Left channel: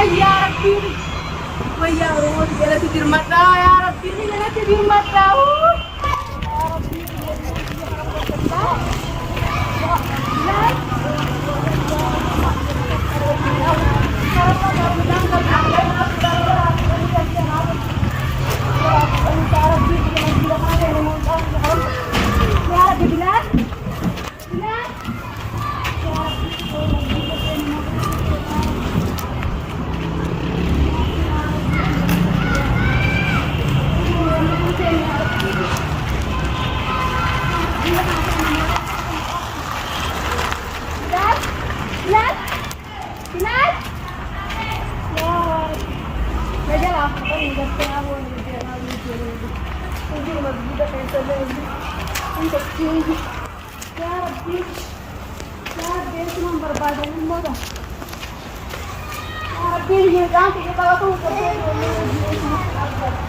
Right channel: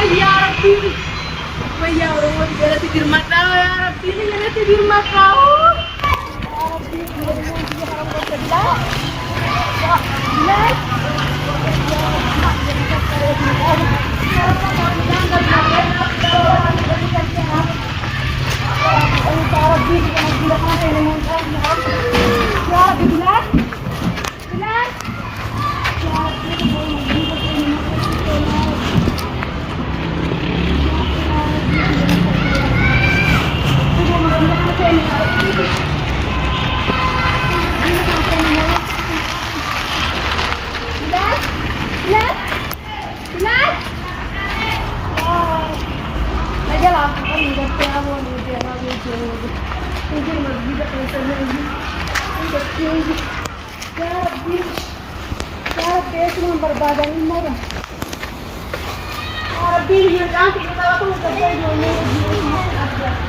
يا ربي ويا ربي جلتي دير مكة يا ربي جلتي دير مكة يا ربي يا رب بالله berbadan umur. Rabbi yang cantik kita lakukan kerja berbadan.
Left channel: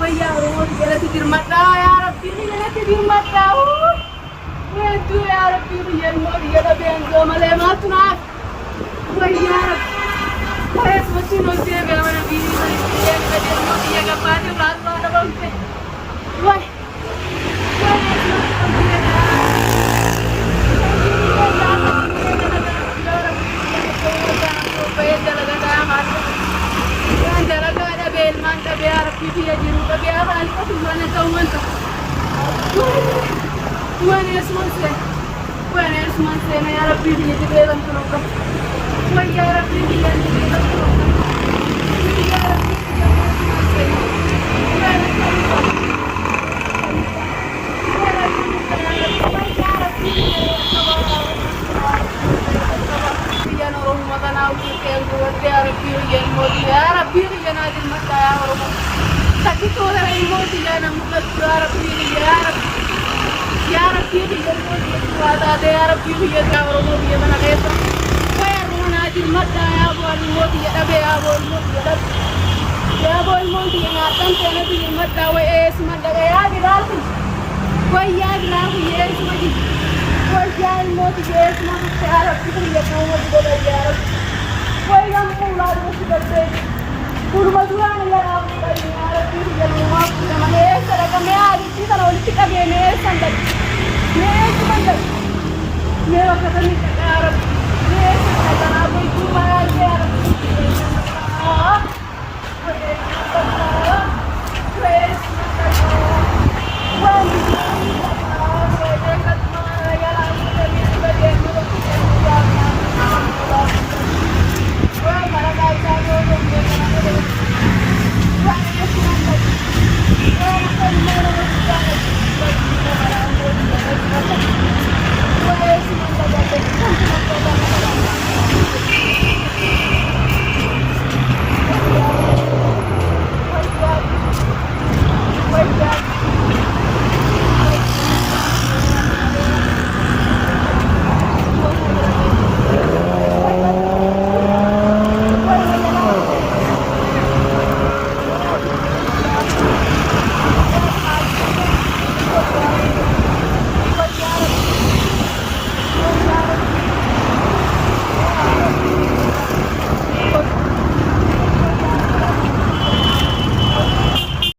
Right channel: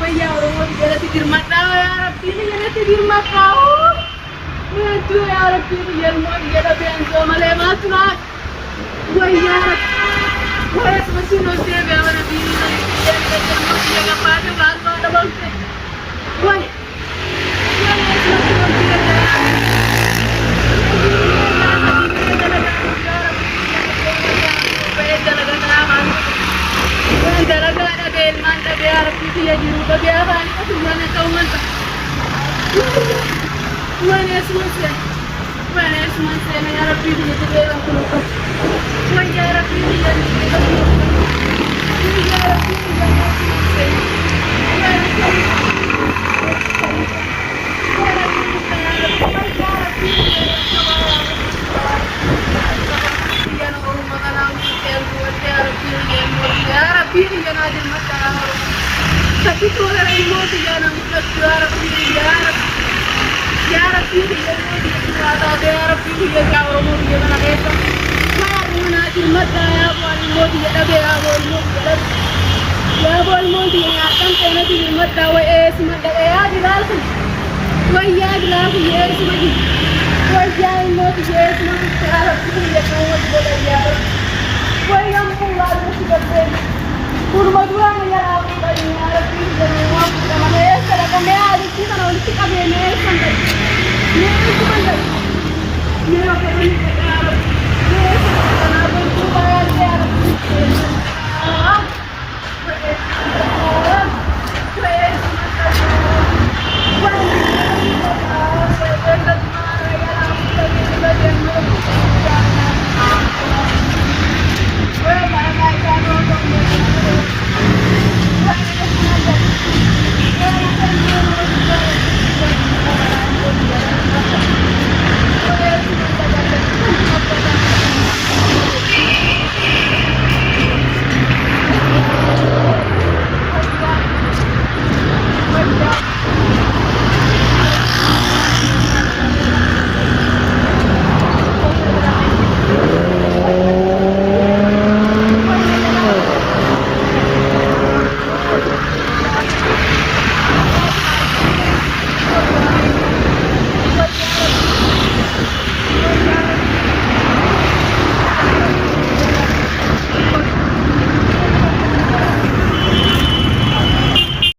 ويا ورموت جلتي درمتا يا ربي جلتي درمتا وانتو يا ربي يا الموت جل بينزو مليماتنا ويا رب ويا سمسونو جيب يا وانا بيني يا نجر موت يا غفاتي بعد ما دبلت وي ويا سمسونو جيب درجة بيل ما أنت بيعرف كيف يجرو بيعرف أنت في وانا كوانت وانا اسمع سنة يا ربي في جبل أنتروك ويا ربي في جبل أنتروك ويا ربي في يا ربي يا نادر مكة يا رب تكتو غير الموت يا نموت يا ربي يا رب يا ربي يا الموت يا ربي يا رب يا من غير يا نادر مكة يا ابو الموت يا ابي يا ابو الموت يا ابو الموت يا كنت نادر مكة واسم يا جلال ويا جلال يا اسم ويا الموت يا اسم يا ربي يا قوة يا رب ويا الله المسجد والمدوام يا ربي يا ربي يا رب انا اسرك انا عايز انا قلت لك انا سندك ليه سندك ليه وكمان